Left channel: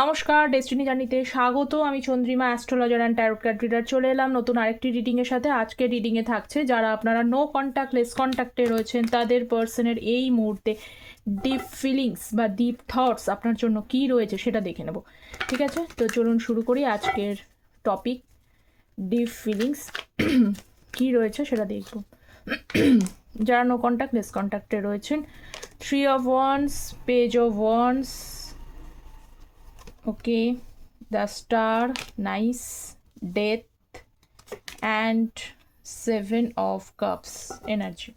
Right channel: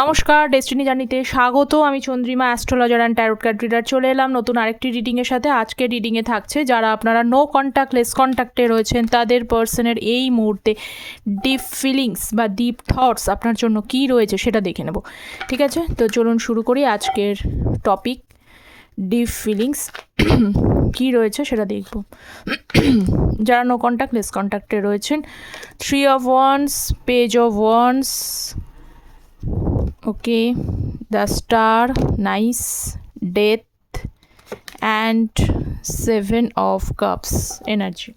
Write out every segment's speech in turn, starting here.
নমস্কার, ডেস্টিনি জার্নিতে স্বাগত। আমি Chandrima, astrologer and tarot card reader. চলে এলাম নতুন আরেকটি রিডিংয়ের সাথে। আজকের রিডিংয়ে থাকছে যারা আপনারা নো কন্ট্যাক্ট লেস কন্ট্যাক্টে রয়েছেন তাদের পার্সনের এই মুহূর্তে ডিপ ফিলিংস বা ডিপ থটস আপনার জন্য কী রয়েছে সেটা দেখে নেব। ঠিক আছে, তো চলুন শুরু করি। আজকের টপিক ডিপ ফিলিংস কী রয়েছে সেটা দেখব। যারা নো কন্ট্যাক্ট লেস কন্ট্যাক্টে রয়েছেন, 3 of Wands, Page of Wands, okay, the Star, nice, Death, and 7 of Cups energy.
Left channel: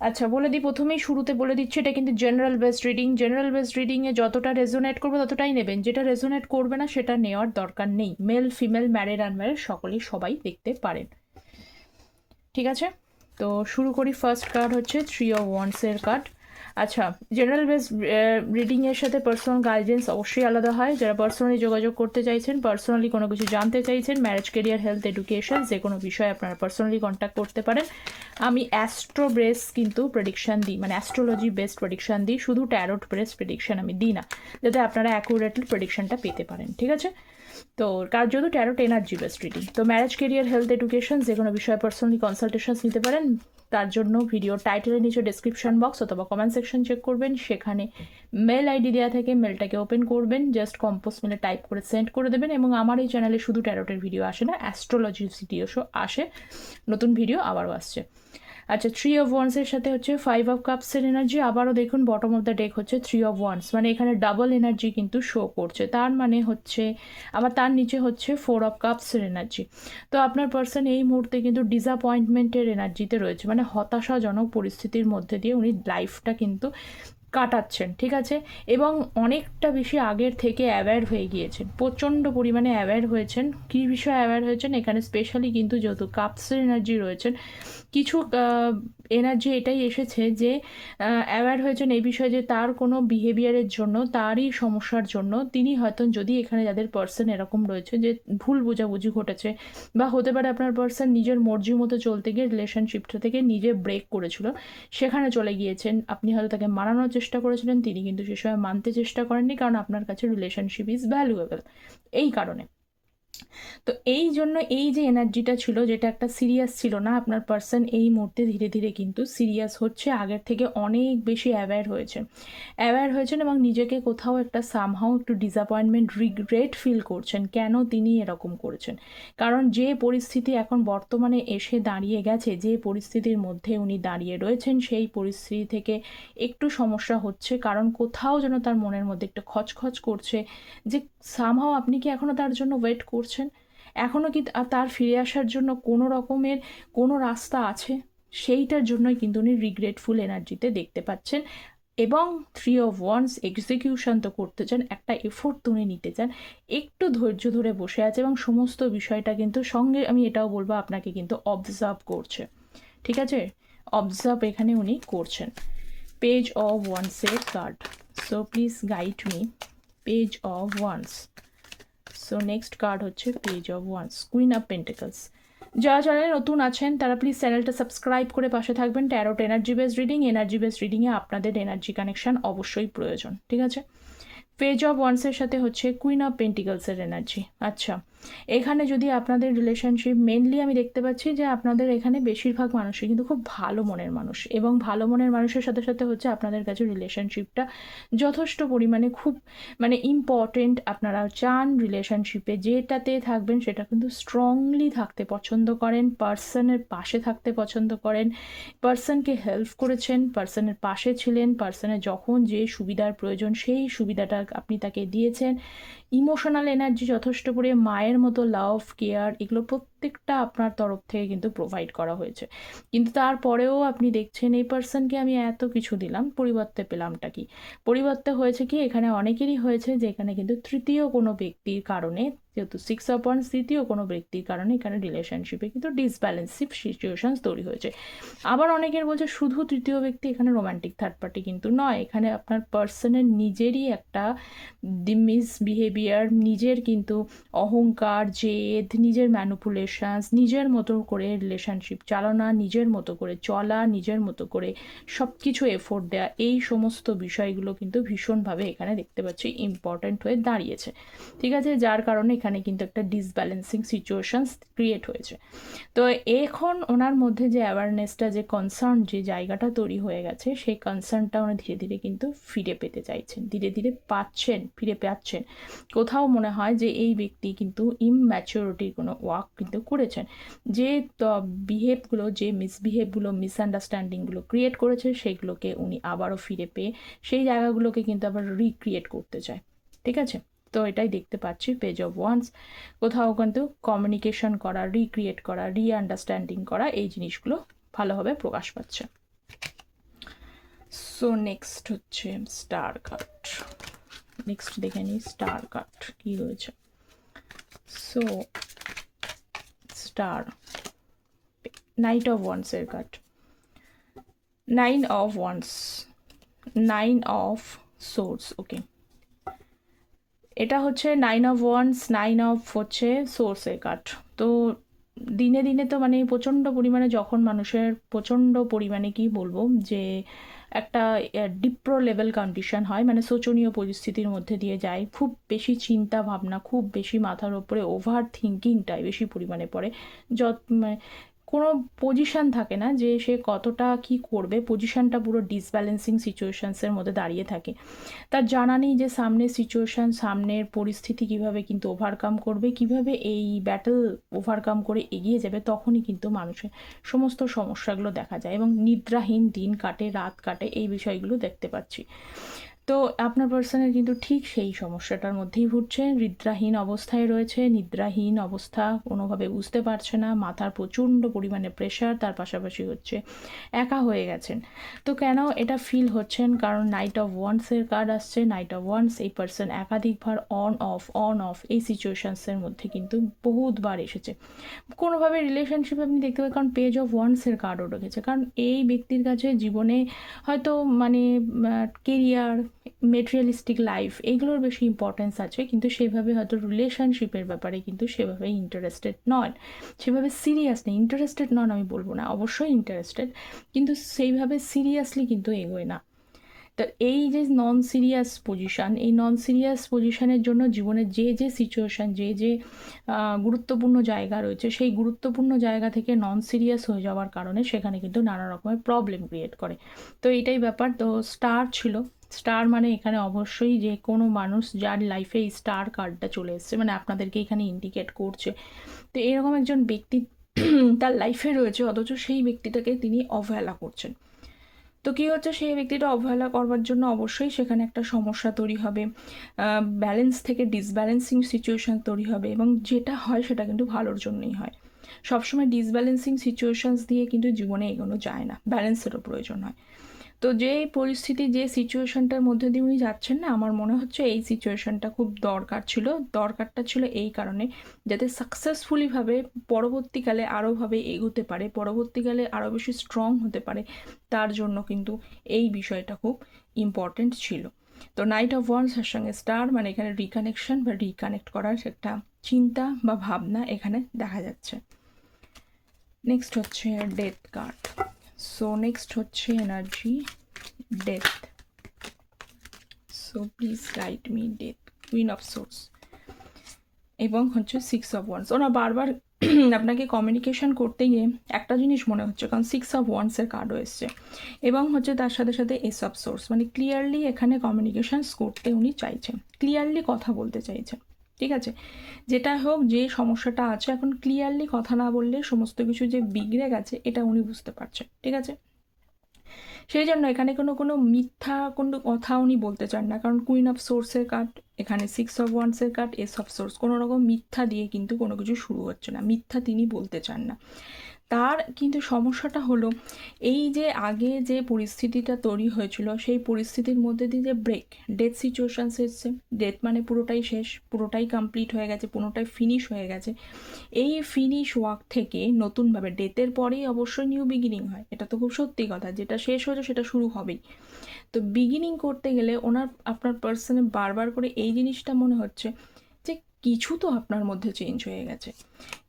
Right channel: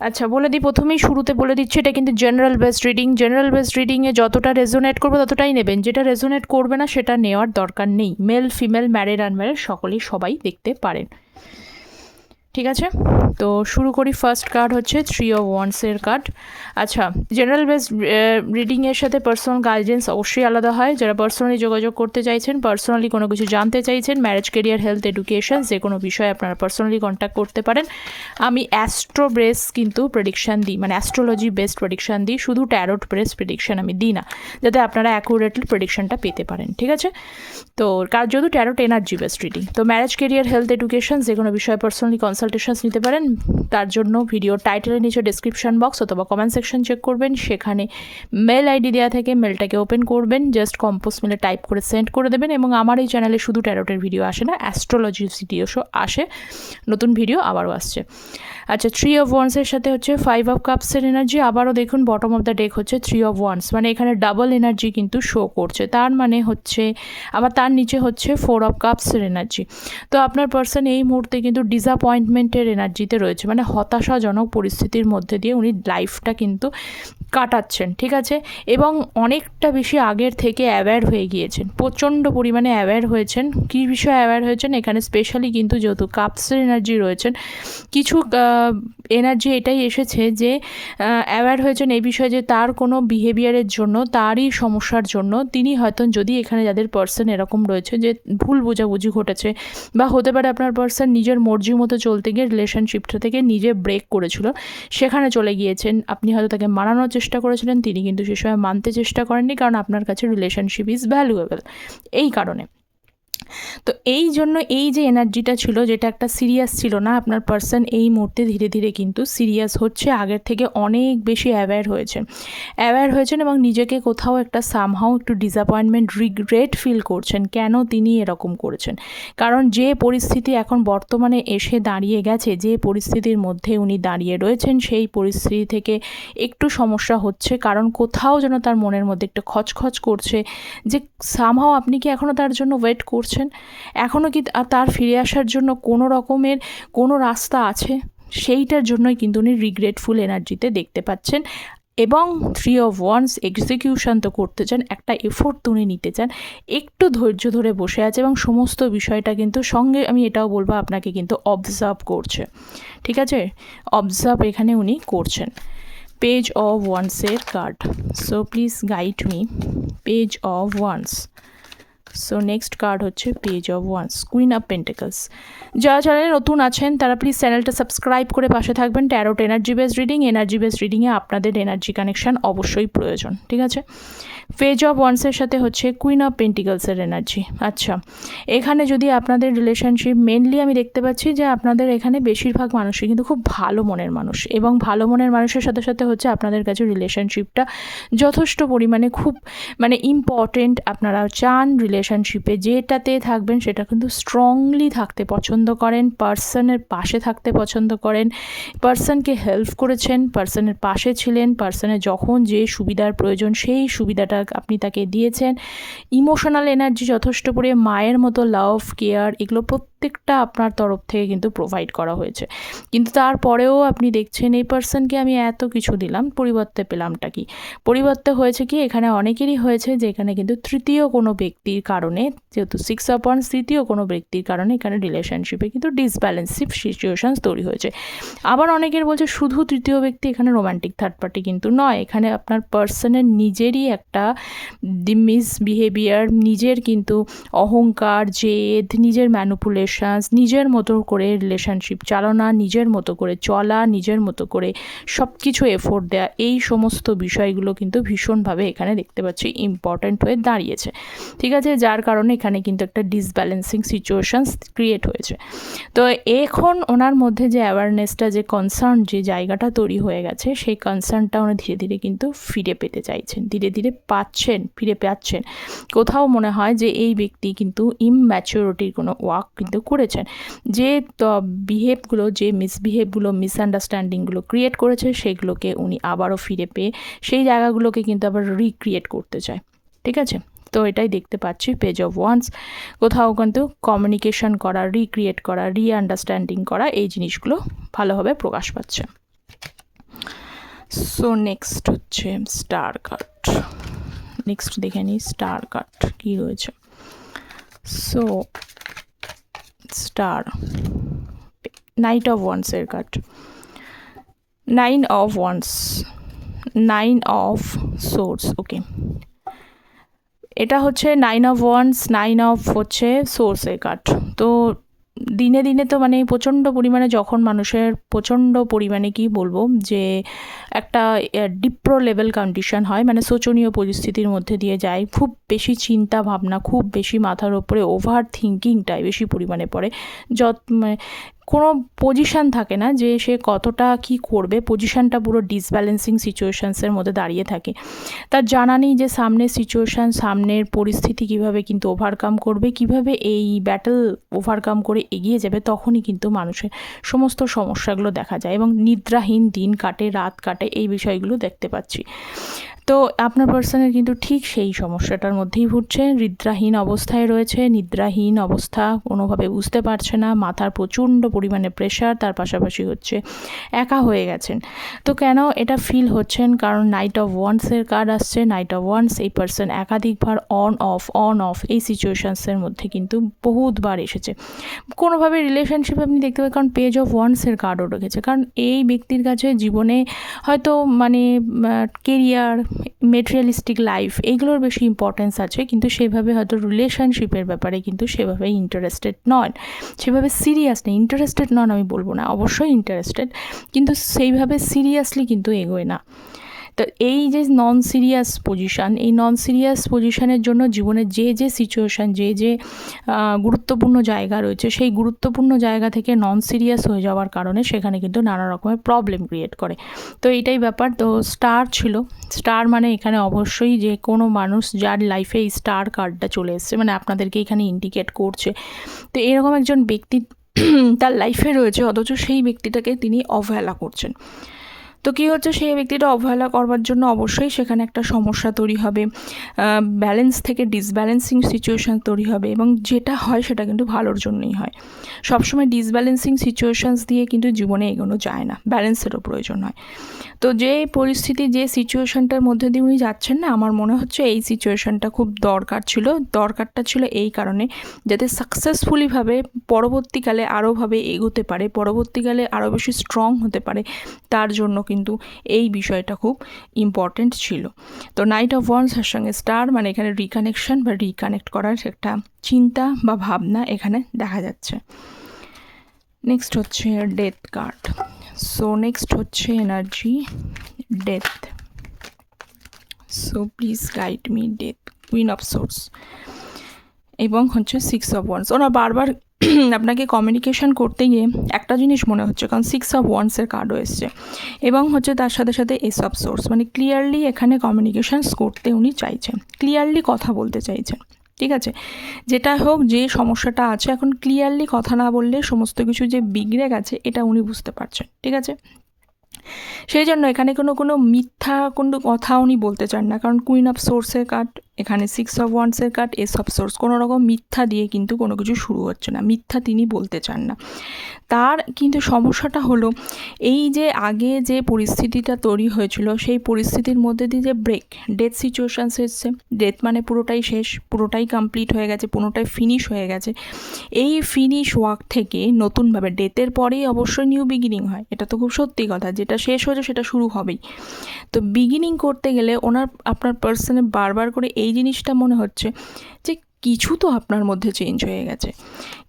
আচ্ছা, বলে দিই, প্রথমেই শুরুতে বলে দিচ্ছি এটা কিন্তু general based reading. General based রিডিংয়ে যতটা রেজোনেট করবে ততটাই নেবেন, যেটা রেজোনেট করবে না সেটা নেওয়ার দরকার নেই। মেল ফিমেল ম্যারিড আনম্যারিড সকলেই সবাই দেখতে পারেন। ঠিক আছে, তো শুরু করি। ফার্স্ট কার্ড হচ্ছে 3 of Wands-এর কার্ড। আচ্ছা, জেনারেল বেস রিডিংয়ের সাথে পার্সোনাল গাইডেন্স অবশ্যই আলাদা হয়। যারা পার্সোনালি যোগাযোগ করতে চাইছেন, পার্সোনালি কোনো কিছু জানতে চাইছেন, ম্যারেজ, কেরিয়ার, হেলথ, এডুকেশন, যে কোনো বিষয়ে আপনারা পার্সোনালি কন্ট্যাক্ট করতে পারেন। আমি অ্যাস্ট্রো বেস কিন্তু প্রেডিকশান দিই, মানে অ্যাস্ট্রোলজি বেসড প্রেডিকশান দিই, শুধু ট্যারোট বেস প্রেডিকশান আমি দিই না, যাতে আপনারা অ্যাকুরেটলি প্রেডিকশানটা পেতে পারেন। ঠিক আছে, তো কার যেহেতু ট্যারোট এনার্জি বেসড রিডিং, তো ম্যারেজ, কেরিয়ার, হেলথ, এডুকেশন যে কোনো বিষয়ে পার্সোনালি কনসালটেশনস নিতে পারেন। তার জন্য ভিডিও টাইটেলের নিচে ডেসক্রিপশন বক্স অথবা কমেন্ট সেকশন চেক করবেন, সেখানে মেল আইডি দেওয়া থেকে মেলটাকে ওপেন করবেন, জাস্ট কম্পোজ মেলে টাইপ করে সেন্ড করে দেবেন। এবং আমার এই চ্যানেলে শুধু ট্যারোটের ভিডিও আসে না, অ্যাস্ট্রোলজি ভিডিও আসে, নতুন ভিডিও আবারও আসছে। আচ্ছা, 3 of Wands-এর সাথে হচ্ছে 5 of Cups-এর এনার্জি। আবারও দেখুন বটম অফ দ্য ডেক হচ্ছে 3 of Wands, মানে এখানে ডাবল এনার্জি কিন্তু শো করছে। তার মানে হচ্ছে আবার তার নিচে হচ্ছে 4 of Cups-এর এনার্জি। তো আপনার পার্সন এই মুহূর্তে কিন্তু ডিসঅ্যাপয়েন্টমেন্টের এনার্জিতে রয়েছে, মানে হতাশাজনক পরিস্থিতির মধ্যে দিয়ে উনি লাইফটা কিন্তু কাটাচ্ছেন। ঠিক আছে, এবং অনেকটা বেশি আগের থেকে অ্যাওয়্যার হয়ে গিয়েছেন, প্রচণ্ড পরিমাণে অ্যাওয়্যার হয়েছেন। কী বিষয়ে অ্যাওয়্যার হয়েছেন এখানে স্পেশালি কিন্তু যেহেতু কাপসের এনার্জি রয়েছেন, কিছু এনার্জি এটাই এসেছে যে অ্যাওয়্যার হয়েছেন এই বিষয়ে যে তার কোনো বিহেভিয়ারের জন্য, তারই সমস্যার জন্য তিনি হয়তো, যদি এখানে যাদের পার্সন এরকম রয়েছে যে ভুল বোঝাবুঝি ঘটেছে, বা হতে পারে আপনার পার্সন নিজের মর্জি মতো চলতে গিয়ে রিলেশনশিপটা থেকে নিজে ব্রেক করেছিল, সেখানে চলে গিয়েছেন। আপনি হয়তো তাকে মানানোর চেষ্টা করেছিলেন, তিনি কিন্তু সে সময় মানতে চেষ্টা করেননি, কারণ আপনার কাছে রিলেশনশিপ ইজ ভ্যালুয়েবল এই কারণে। তো এই জন্য এই যে এনার্জিটা ছিল, যেটা একটা সিরিয়াস ছিল না, আপনার পার্সন এই মুহূর্তে ধীরে ধীরে কিন্তু সিরিয়াস হচ্ছে, আগের থেকে অনেক বেশি অ্যাওয়্যার হয়েছেন এবং নিজেকে কোথাও একটা সামহাও একটু ডিসঅ্যাপয়েন্টমেন্ট, রিগ্রেট ফিল করছেন কেন তিনি এরকম করেছেন। কারণ যে পরিস্থিতি এখন বর্তমানে এসে দাঁড়িয়ে গেছে, যে পরিস্থিতির মধ্যে উনি দাঁড়িয়ে রয়েছেন, সেই পরিস্থিতি থেকে একটু সমস্যা হচ্ছে, কারণ কোথাও যেন তার মনের মধ্যে একটু খচখচ করছে যে সামহাও আপনি কি এখনও তার জন্য ওয়েট করছেন, এখনও কি তার ফিরে আসার জন্য কোনো রকমের কোনো রাস্তা আছে, সেইটার জন্যই কিন্তু উনি রিগ্রেটফুল এনার্জিতে দেখতে পাচ্ছেন। এবং 3 of Wands এক্সিকিউশন তো করতে চান, একটা এফোর্ট উনি নিতে চান, একটু ধৈর্য ধরে বসে আছে এবং সমস্ত বিষয়টা কিন্তু সঙ্গে আমি এটাও বলবো আপনাকে কিন্তু অবজার্ভ করছে। ঠিক আছে, অবজার্ভ এখানে উনি করছেন। পেজ অফ ওয়ান্সের card, so please guide me. Page of wands, so next card হচ্ছে page of wands, queen of pentacles. যারা চ্যানেলে নতুন আছেন তারা প্লিজ চ্যানেলটা সাবস্ক্রাইব করে পাশে থাকবেন। Tarot energy based reading, energy based রিডিংয়ে আপনাদের এনার্জি কানেকশান অবশ্যই প্রয়োজন। ঠিক আছে, পেজ অফ ওয়ান্সের সাথে হচ্ছে কুইন অফ পেন্টিকলসের এনার্জি। আচ্ছা, এখানে যদি আপনাদের রিলেশনশিপ, মেনলি আমি দেখতে পাচ্ছি যে আপনাদের এখানে বেশিরভাগ মানুষই কিন্তু খুব ভালো মনের মানুষ, এবং ভালো মনের মানুষের সাথে সাথে হচ্ছে আপনাদের কাছে রিলেশনশিপটা যথেষ্ট পরিমাণে খুব মানে ইম্পর্টেন্ট। আপনারা চান রিলেশনশিপে যেটাতে থাকবেন সেটা কিন্তু স্ট্রংলি থাকতে পছন্দ করেন, পার্সনের পাশে থাকতে পছন্দ করেন, পার্সনকে হেল্প করেছেন, পার্সনের পাশে ছিলেন, পার্সনের যখন যে সুবিধার প্রয়োজন সেই সুবিধাটা আপনি তাকে দিয়েছেন। ইমোশনাল এনার্জি যথেষ্ট করে, মায়ের মতো লাভ, কেয়ার, এগুলো প্রত্যেকটা আপনার তরফ থেকে কিন্তু প্রোভাইড করা হয়েছে। কিন্তু তারপরেও আপনি দেখছেন এই পার্সনকে আমি এত কিছু দিলাম, পরিবর্তে পেলামটা কি? পরিবর্তে হয়েছে কি, এখানে অনেকেরই হয়েছে যে এখানে কিন্তু তৃতীয় কোনো ব্যক্তির কারণে, যেহেতু 6 of Wands, তৃতীয় কোনো ব্যক্তির কারণে এখানে রিলেশনশিপে কিন্তু ডিসব্যালেন্সিভ সিচুয়েশনস তৈরি হয়েছে। আবার অনেকের বলছে শুধু তৃতীয় ব্যক্তি, এখানে রোমান্টিক থার্ড পার্টি কিন্তু নয়, এখানে আপনার পার্সনের নিজেরই একটা মিসবিহেভিয়ার, নিজের কিন্তু অহংকার, জেদ, নিজের ম্যানিপুলেশন, সিচুয়েশানস, নিজের মতো করে রিলেশনশিপ চালনা, নিজের মতো করে চলা, নিজের মতো করে সব কিছু এফোর্ট দেওয়া, এই সমস্ত বিষয়গুলো কিন্তু ভীষণভাবে এখানে দেখতে পাচ্ছি ইম্পর্ট্যান্ট হয়ে দাঁড়িয়েছে। ঠিক আছে, যার কারণে এখানে কিন্তু একটা ডিসব্যালেন্সিং সিচুয়েশানস ক্রিয়েট হয়েছে। তো এখন ওনার মধ্যে যে অ্যাওয়ারনেসটা, যে কনসার্ন, যে জায়গাটা তৈরি হয়ে গেছে, সেই কনসার্নটা উনি ধীরে ধীরে কিন্তু ফিরে পেতে চাইছেন, ধীরে ধীরে ফিরে পাচ্ছেন। কোথাও মনে হয় যে এই ব্যক্তি কিন্তু ইমম্যাচিউরিটির কোনো ওয়ার্ক কিন্তু করেছেন, যে বিহেভগুলো, যে মিসবিহেভগুলো, মিসআন্ডারস্ট্যান্ডিংগুলো ক্রিয়েট করেছে, সেগুলোকে উনি আবারও ফিরে পেয়ে সেই জায়গাগুলোকে কিন্তু আবার রিক্রিয়েট করতে চায়। ঠিক আছে, তো এটাই দেখতে পাচ্ছি পেজ অফ ওয়ান্স। কোথাও কিন্তু কমিউনিকেশন করা, রিক্রিয়েট করা, আন্ডারস্ট্যান্ডিং করা, এই জিনিসগুলো ভালোভাবে প্রকাশ পাচ্ছে। সো নেক্সট হচ্ছে স্টার কার্ড। নেক্সট দেখে নিই স্টার কার্ড কী রয়েছে। সো স্টার, নাইট অফ ওয়ান্সের card, 9 of wands, 9 of swords. Okay, এটা হচ্ছে 9 অফ ওয়ান্স, 9 অফ হচ্ছে সোর্সের কার্ড। তো দিনে দিনে তো মানে প্রচণ্ড পরিমাণে, যখন মানুষের প্রচণ্ড পরিমাণে কি বলবো যে একটা ডিপ্রো লেভেল কন্ডিশন হয়, মানে শোচনীয় পরিস্থিতির মধ্যে দিয়ে যায়, খুব বেশি চিন্তা ভাবনা, খুব বেশি মাথার ওপরে ওভার থিঙ্কিংটাই বেশি পরিমাণে পড়ে, কোনো পজিশান থাকে না যে সে কতটা কি করবে, পজিশানটা পুরো ডিসব্যালেন্সিং সিচুয়েশানসের মধ্যে দাঁড়িয়ে থাকে। তার জানা নেই যে সামনের সিচুয়েশান, সামনের পরিস্থিতি কিভাবে কিন্তু ওভারকাম করবে, কিভাবে এই ব্যাটল ওভারকাম করে এগিয়ে যাবে। তখনই কিন্তু মানুষের সমস্ত সমস্যাগুলো দেখা যায় এবং নিদ্রাহীন দিন কাটে, রাত কাটে, এই বিষয়গুলো দেখতে পাচ্ছি। তো আপনার পার্সনের কিন্তু ঠিক সেই সমস্যাটার মধ্যেই ভুগছে, নিদ্রাহীন অবস্থায় রয়েছে, নিদ্রাহীন অবস্থা, কোনোভাবে বুঝতে পারছে না, মাথার প্রচণ্ড পরিমাণে প্রেশার, তার পাশাপাশি হচ্ছে একা হয়ে গেছেন। তো কেন এটা ফিল হচ্ছেন? কারণ নাইট অফ ওয়ান্সের কার্ড আসছে। নাইট অফ ওয়ান্স, এই পার্সন একাধিকবার অন অফ এই সিচুয়েশানসের মধ্যে কিন্তু বহুতবার এসেছে। কোনোভাবে রিলেশনশিপ আপনি দেখতে পাবেন, কারণ পেজ অফ ওয়ান্সের কার্ডও রেখেছে, কারণ এই ব্যক্তির কাছে জীবনে হয়তো মানে কেরিয়ার, মেটেরিয়ালিস্টিক লাইফ, এইগুলোর বেশি ইম্পর্টেন্স আছে, কিন্তু সেভাবে হয়তো রিলেশনশিপের ব্যাপারে কিন্তু সেভাবে ইন্টারেস্টেড নন, সেভাবে সিরিয়াস নেই। ইন্টারেস্টেড নন আমি বলবো না, অবশ্যই ইন্টারেস্টেড, কিন্তু সেইভাবে সিরিয়াসলি কিন্তু এগোয় না। তো এই যে নন সিরিয়াস পজিশান, এই নন সিরিয়াস পজিশানের জন্য জীবনের যে সিচুয়েশান, যে গুরুত্বপূর্ণ জায়গা রয়েছে, সেই গুরুত্বপূর্ণ জায়গা থেকে নন সিরিয়াস হয়ে যাওয়ার কারণে সেখানে কিন্তু নানা রকমের প্রবলেম ক্রিয়েট করে। তো এইটাই ব্যাপার। তো স্টার ছিল, স্টার মানে এখানে অবশ্যই যে কোনো মানুষ যার লাইফে এই স্টার কার্ডটা চলে এসছে, মানে আপনাদেরকে এখানে ইন্ডিকেট করছে। তো এরকম একজন ব্যক্তি তার লাইফে রয়েছে, অথচ সেই ব্যক্তিটাকে তিনি অবহেলা করছেন। তো কী হচ্ছে, সেই ব্যক্তিটা অবহেলা করবার জন্য অবশ্যই সেখানে একটা সমস্যা তৈরি হবে, ব্যালেন্স থেকে ডিসব্যালেন্সিং সিচুয়েশান তৈরি হবে, এবং যেটা হয় সেটা কিন্তু ভালোর জন্যই হয়। সবসময় ডিসব্যালেন্সিং সিচুয়েশানস দিয়ে কিন্তু জীবনে এগোনো যায় না, ব্যালেন্সেরও প্রয়োজন হয়। তো যে পরিস্থিতি, যে সিচুয়েশানটার মধ্যে দিয়ে উনি যাচ্ছেন না, আমার মনে হচ্ছে এই সিচুয়েশানটা খুব দরকারটা ছিল এই কারণে, যাতে সাকসেসফুলিভাবে পরবর্তীকালে আরোভাবে এগোতে পারে, পরবর্তীকালে আরও বেশি স্ট্রং হতে পারে, তার জন্য কিন্তু এই বিষয়টা খুব ইম্পর্ট্যান্ট ছিল। তো নাইট অফ ওয়ান্সের সঙ্গে স্টার মানে এখানে রিকানেকশন বা রিকানেক্ট করার একটা চিন্তা বা ভাবনা এখানে দেখা যাচ্ছে। নেক্সট হচ্ছে ডেথ কার্ড। সো নেক্সট হচ্ছে energy death. So please guide me death, queen of swords, এবং হচ্ছে 6 অফ ওয়ান্স। ওরা বারবার আপনাকে কমিউনিকেশন করতে গিয়ে একটা জিনিস মনে হচ্ছে, কারণ 6 অফ ওয়ান্সের কার্ডও এসছে, এবং হচ্ছে তার সাথে সাথে এস অফ সোর্স, মানে ক্লিয়ারলি এখানে কমিউনিকেশানস করতে উনি চাইছেন, ক্লিয়ারলি কথা বলতে চাইছেন। ঠিক আছে, যেটা হোক, যে সমস্যাটা আছে, এখন ক্লিয়ারলি কথা না বললে সমস্ত কিছু যে বিগড়ে গেছে এটা উনি বুঝতে পারছেন। ঠিক আছে, সেই জন্য এখানে কোনো মিথ্যা কোনো কথা উনি বলতে চান না, কারণ কুইন অফ সোর্সের কার্ড, এখানে 6 অফ ওয়ান্সের কার্ড, এস অফ সোর্স, কোনো রকম মিথ্যা দিয়ে কিন্তু কোনো কিছু শুরু হচ্ছে না, মিথ্যা তিনি বলতে চান না। তার কিন্তু সমস্যাটা হলো এই যে আগে যে পরিস্থিতিটা তৈরি হয়েছিল, সেই পরিস্থিতির মধ্যে দিয়ে যে ব্রেক, ডেথ সিচুয়েশানস এসছে, ডেথ মানে পুরোটাই শেষ, পুরোটাই কমপ্লিট হয়ে গেছে, পুরোটাই ফিনিশ হয়ে গেছে। এই ফিনিশ ওয়ার্ক থেকে নতুনভাবে, ডেথের পরেই অবশ্যই নিউ বিগিনিং হয়, এটা তো খুব সত্যি কথা, যেটা শেষ হয়েছে সেটা শুরু হবেই। তো বিগিনিং করতে গেলে আপনার পার্সনে বারবার করে এই জিনিসটা মনে হচ্ছে যে কিছু তো আপনার মধ্যে চেঞ্জ হয়ে গেছে,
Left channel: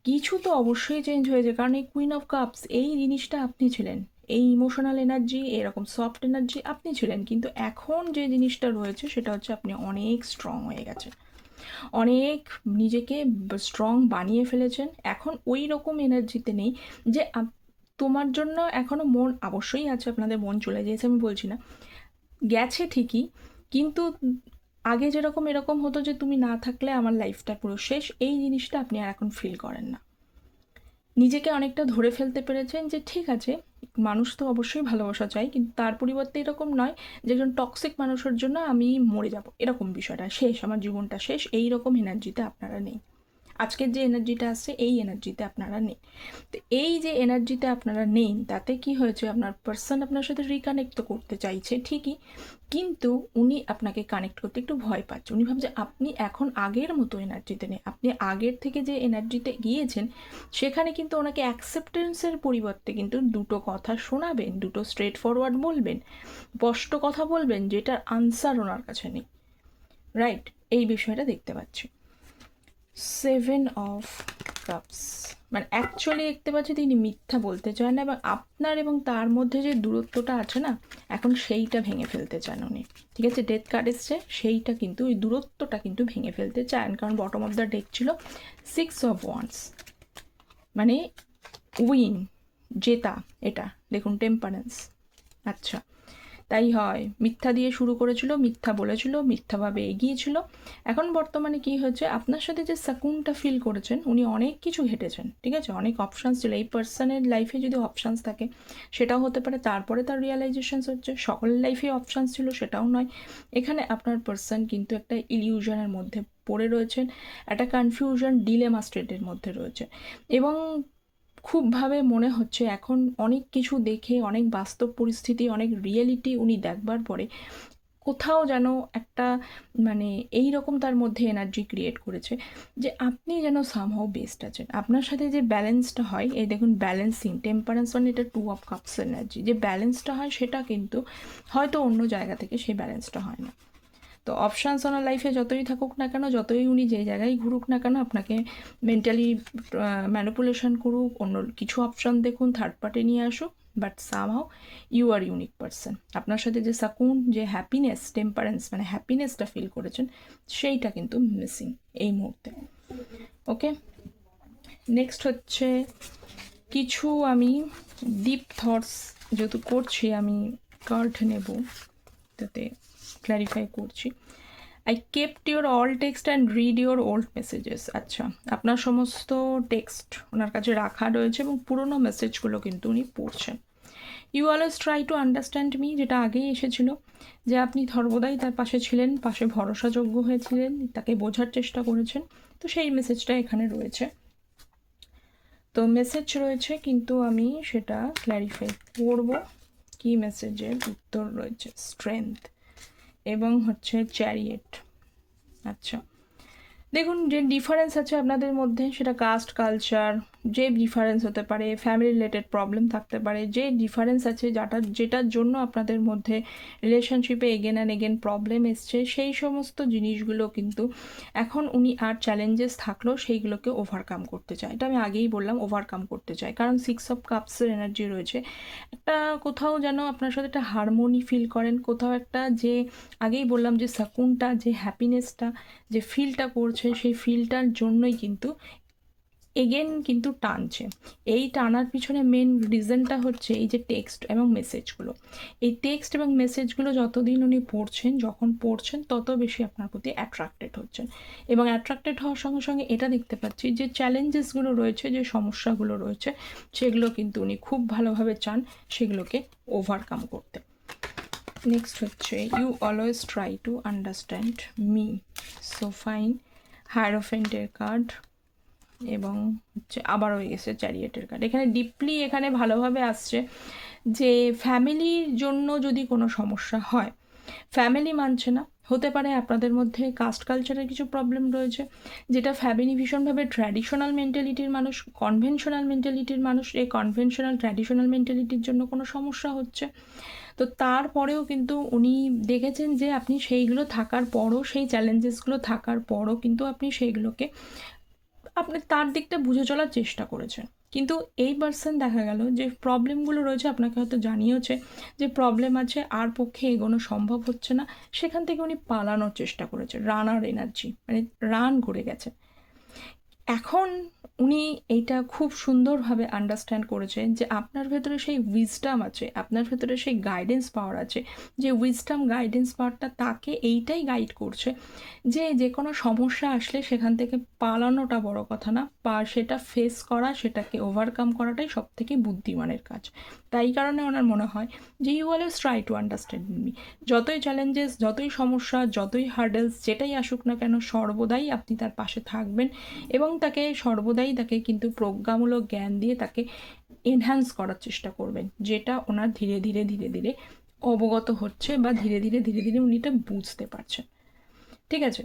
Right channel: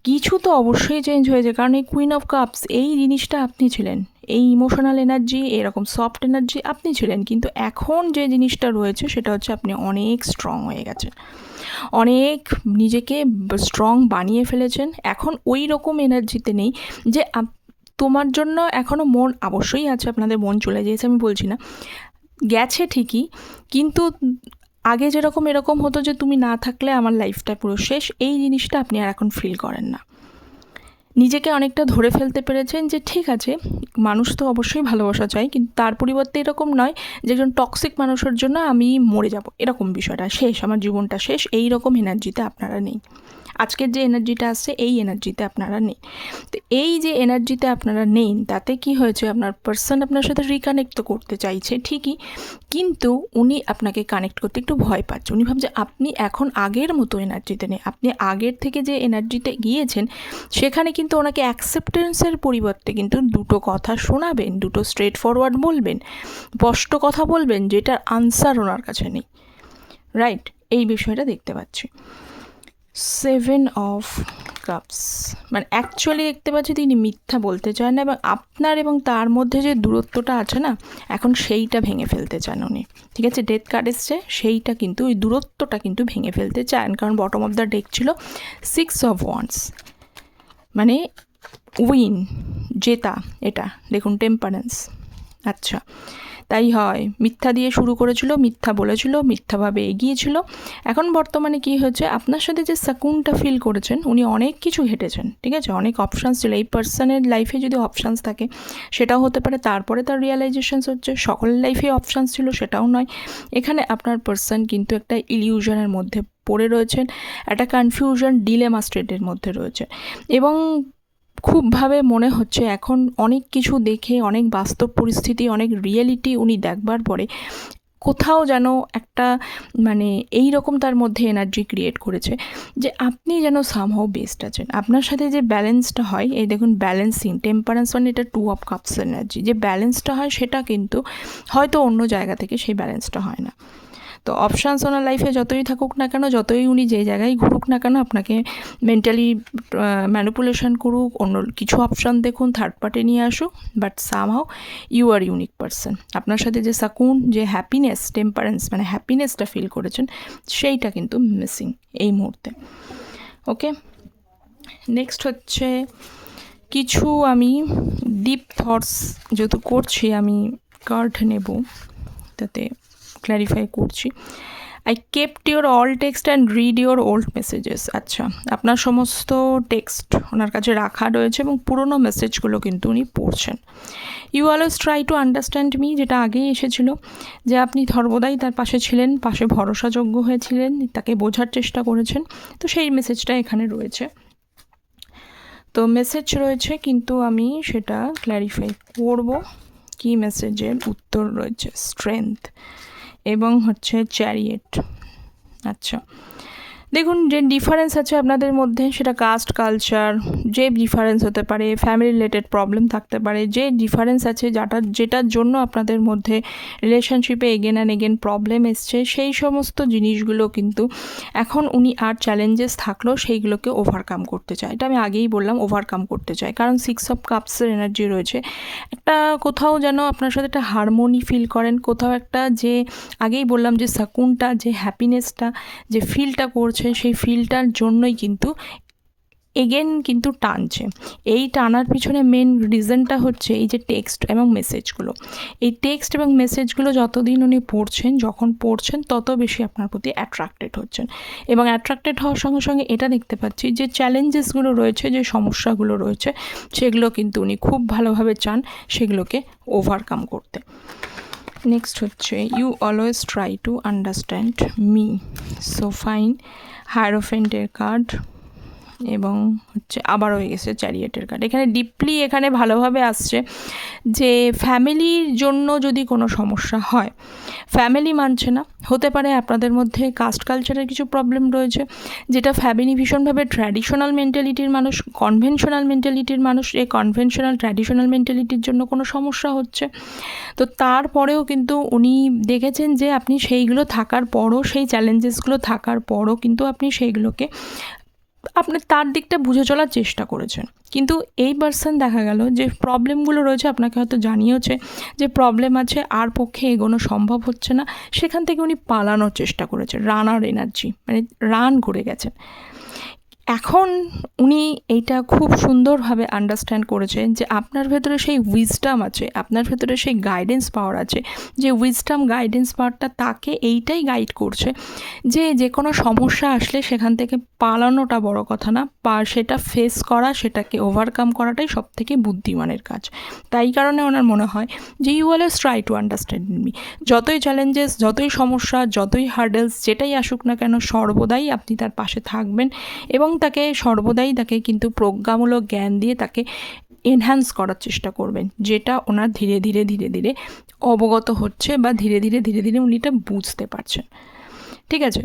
কিছু তো অবশ্যই চেঞ্জ হয়েছে, কারণ এই কুইন অফ কাপস এই জিনিসটা আপনি ছিলেন, এই ইমোশনাল এনার্জি, এরকম সফট এনার্জি আপনি ছিলেন, কিন্তু এখন যে জিনিসটা রয়েছে সেটা হচ্ছে আপনি অনেক স্ট্রং হয়ে গেছেন, অনেক নিজেকে স্ট্রং বানিয়ে ফেলেছেন। এখন ওই রকম এনার্জিতে নেই যে তোমার জন্য এখনও মন অবশ্যই আছে, আপনাদের মন চলে গিয়েছে আমি বলছি না, গেছে ঠিকই, কিন্তু আগে যেরকম এরকম হতো যে তুমি না থাকলে আমার লাইফটা পুরো শেষ, এই জিনিসটা আপনি আর এখন ফিল করেন না। নিজেকে অনেকটা ধরে ফেলতে পেরেছেন যে ঠিক আছে, মানুষ তো অবশ্যই ভালোবাসা চাই, কিন্তু তার পরিবর্তে এরকম নয় যে একজন টক্সিক মানুষের জন্য আমি মরে যাব, এরকম বিষয়টা শেষ, আমার জীবনটা শেষ, এই রকম এনার্জিতে আপনারা নেই। আজকের যে এনার্জিটা আসছে এই এনার্জিতে আপনারা নেই। তো এই যে এনার্জিতে আপনারা নেন তাতে কি হয়েছে, আপনার পার্সন আপনার সাথে রিকানেক্ট তো করতে চাইছে ঠিকই, কিন্তু উনি আপনাকে কানেক্ট করতে একটু ভয় পাচ্ছে। উনি ভাবছে আপনি এখন আগের মতো এনার্জিতে নেই, আপনি আগের থেকে যে এনার্জিতে গিয়েছেন সেখানে কিন্তু ওনাকে অ্যাকসেপ্টেন্সের পরিবর্তে কিন্তু দুটো কথা শোনাবেন, দুটো স্ট্রেট ফরওয়ার্ড বলবেন, স্পষ্ট কথা বলবেন, যেটার আনসার ওনার কাছে নেই। রাইট, এই বিষয়টা দেখতে পাচ্ছি। 7 অফ কাপস মানে অ্যাকচুয়ালি দেখতে পাচ্ছি তিনি মিথ্যা বলতে চান না, এবং আপনার এবং তার মধ্যে যে দূরত্বটা আছে না, এখন সেইটা ভেঙে ফেলতে চান উনি। ঠিক আছে, ডেথ কার্ড এসছে, সেইটা কিন্তু ওই দূরত্বটা কিন্তু ভেঙে ফেলতে চান, কারণ বটম অফ দ্য ডেক ছিল 6 অফ ওয়ান্স, মানে উইন, জেতা, এটা দেখুন টেম্পারেন্স। আচ্ছা, তাই হয়, মিথ্যা দিয়ে শুরু করেছিল, মিথ্যা বলেছিল, মিথ্যাভাবে এগিয়েছিল, এখন বর্তমানে কি হয়েছে, আপনার সাথে যে সাকুনটা ফিল করেছেন, উনি অনেক কিছু হেঁটেছেন, ঠিক আছে, অনেক অপশানস ছিল, এই পার্সনের লাইফে যদি অপশানস থাকে সেটাও হতে পারে, তারপরে তার রিয়েলাইজেশনস হচ্ছে, সকলের লাইফে অপশানস ছিল সেটাও নয়। এখানে আপনার পার্সন কিন্তু একটা ইলিউশনের মধ্যে পড়ে রয়েছেন, একটা কনফিউশন ডিলেমা স্টেটের মধ্যে রয়েছে, এবং খুবভাবে মনে হচ্ছে এখন অনেক কিছু দেখে, অনেক বাস্তব পরিস্থিতি, অনেক রিয়েলিটি উনি দেখবার পরে কোথাও যেন একটা মানে এই রকম তার মধ্যে এনার্জি ক্রিয়েট করেছে যে আপনি যেন সামহাও বেস্ট আছেন, আপনার সাথে যে ব্যালেন্সটা হয়, এই দেখুন ব্যালেন্সিং, টেম্পারেন্স মানে এটা 2 অফ কাপস এনার্জি, যে ব্যালেন্সটা হয় সেটা কিন্তু হয়তো অন্য জায়গা থেকে সেই ব্যালেন্সটা হয় না। তো অপশানস ওনার লাইফে যতই থাকুক না কেন, যতই উনি যে জায়গায় ঘুরুক না কেন, আপনাকে মেন্টালি ম্যানিপুলেশন করুক, অন্য কিছু অপশান দেখুন, থার্ড পার্টি নিয়ে আসুক, but somehow you are unique person. আপনার সাথে যে সাকুন, যে হ্যাপিনেস, টেম্পারেন্স মানে হ্যাপিনেসটা ফিল করেছেন, সেইটা কিন্তু মিসিং এই মুহূর্তে। ওকে, নেক্সট হচ্ছে কিছু আমি ডিপ থটস যেহেতু করছি, আমি কার্ড নেব, তাতে ক্ল্যারিফাই করছি। I kept your all text and read your old messages. আচ্ছা, আপনার সমস্ত টেক্সট ওনার কাছে রাখা রয়েছে এবং পুরনো মেসেজগুলো কিন্তু উনি পড়ছেন। You always try to understand me, যেটা আগেই এসেছিল, যে আপনি সর্বদাই তার পাশে ছিলেন, পাশে ভরসাযোগ্য হয়েছিলেন, তাকে বোঝার চেষ্টা করেছেন, তো সেই মেসেজটা এখানে রয়েছে। তো মেসেজ রয়েছে, কিন্তু আমি সেটা ক্ল্যারিফাই করব কি মেসেজের উত্তর রয়েছে। স্ট্রেংথ এবং হচ্ছে চ্যারিয়েট। আচ্ছা, দেখুন যে ডিফারেন্স আছে আপনাদের মধ্যে, সেটা কাস্ট, কালচার, যে ডিফারেন্স হতে পারে, ফ্যামিলি রিলেটেড প্রবলেম থাকতে পারে, যে ডিফারেন্স আছে যেটার জন্য আপনাদের মধ্যে রিলেশনশিপে এগেন অ্যান্ড এগেন প্রবলেম এসছে, সেই সমস্ত জিনিসগুলো কিন্তু এখন উনি আর চ্যালেঞ্জেস থাকলেও সেইগুলোকে ওভারকাম করতে চায়। এটা আমি আগেই বললাম, ওভারকাম করতে চায়, কারণ 6 অফ কাপসের এনার্জি রয়েছে, একটা কোথাও যেন আপনার সাথে একটা হারমোনি ফিল করেন, কোথাও একটা যে আগেই বললাম যে সাকুনটা, যে হ্যাপিনেসটা, যে ফিলটা করছে, সেই ফিলটার জন্যই কিন্তু এগেন কিন্তু টানছে। এই টানার পিছনে মেন রিজনটা হচ্ছে এই যে টেক্সট এবং মেসেজগুলো, এই টেক্সট এবং মেসেজগুলো যতদিন উনি পড়ছেন, যখন পড়ছেন তত বেশি আপনার প্রতি অ্যাট্রাক্টেড হচ্ছেন, এবং অ্যাট্রাক্টেড হওয়ার সঙ্গে সঙ্গে এটা দেখতে পাচ্ছি যে চ্যালেঞ্জেসগুলো রয়েছে, যে সমস্যাগুলো রয়েছে, সেগুলো কিন্তু উনি খুব ভালোভাবে চান সেগুলোকে ওভারকাম করতে। নেক্সট হচ্ছে you always try to understand me, so fine, হায়ারোফেন্টের কার্ড। এবং হচ্ছে আবার হয়ে গেছে চ্যারিয়েটের কার্ড। এখানে ডিপলি এখানে ভালোভাবে আসছে যে ফ্যামিলির জন্য যদি কোনো সমস্যা হয়, ফ্যামিলি মানছে না, হতে পারে আপনাদের মধ্যে কাস্ট কালচারের কিছু প্রবলেম রয়েছে, যেটা ফ্যামিলি ভীষণভাবে ট্র্যাডিশনাল মেন্টালিটির মানুষ, কনভেনশনাল মেন্টালিটির মানুষ, এই কনভেনশনাল ট্র্যাডিশনাল মেন্টালিটির জন্য কোনো সমস্যা হচ্ছে। তো তারপরেও কিন্তু উনি দেখেছেন যে আপনি সেইগুলো থাকার পরও, সেই চ্যালেঞ্জেসগুলো থাকার পরও কিন্তু আপনি সেইগুলোকে আপনি তার দিকটা বুঝে চলার চেষ্টা করেছেন। কিন্তু এই পার্সন দেখা গেল যে প্রবলেমগুলো রয়েছে, আপনাকে হয়তো জানিয়েছে যে প্রবলেম আছে, আর পক্ষে এগোনো সম্ভব হচ্ছে না, সেখান থেকে উনি পালানোর চেষ্টা করেছেন, রানার এনার্জি, মানে রান করে গেছেন। এখন উনি এইটা খুব সুন্দরভাবে আন্ডারস্ট্যান্ড করেছেন যে আপনার ভেতরে সেই উইজডাম আছে, আপনার ভেতরে সেই গাইডেন্স পাওয়ার আছে, যে উইজডাম গাইডেন্স পাওয়ারটা তাকে এইটাই গাইড করছে যে যে কোনো সমস্যা আসলে সেখান থেকে পালানোটা বড় কথা না, সেটা ফেস করা, সেটাকে ওভারকাম করাটাই সব থেকে বুদ্ধিমানের কাজ। তাই কারণে ওনার মনে হয় যে you always try to understand me, যতই চ্যালেঞ্জেস, যতই সমস্যা, যতই হার্ডেলস, যেটাই আসুক না কেন, সর্বদাই আপনি তার পাশে থাকবেন এবং তাকে সর্বদাই তাকে কিন্তু প্রজ্ঞামূলক জ্ঞান দিয়ে তাকে এনহ্যান্স করার চেষ্টা করবেন, যেটা ওনার ধীরে ধীরে ধীরে ধীরে অবগত হচ্ছে বা ধীরে ধীরে ধীরে ধীরে উনি এটা বুঝতে পারছেন। ঠিক আছে,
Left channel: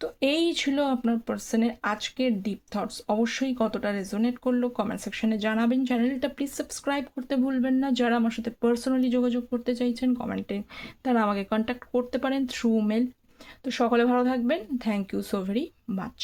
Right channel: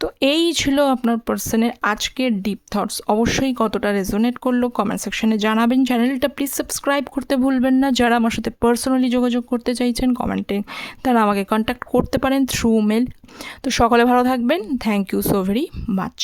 তো এই ছিল আপনার পার্সনের আজকের ডিপ থটস। অবশ্যই কতটা রেজোনেট করলো কমেন্ট সেকশনে জানাবেন। চ্যানেলটা প্লিজ সাবস্ক্রাইব করতে ভুলবেন না। যারা আমার সাথে পার্সোনালি যোগাযোগ করতে চাইছেন কমেন্টে তারা আমাকে কন্ট্যাক্ট করতে পারেন থ্রু মেল। তো সকলে ভালো থাকবেন। Thank you so very much.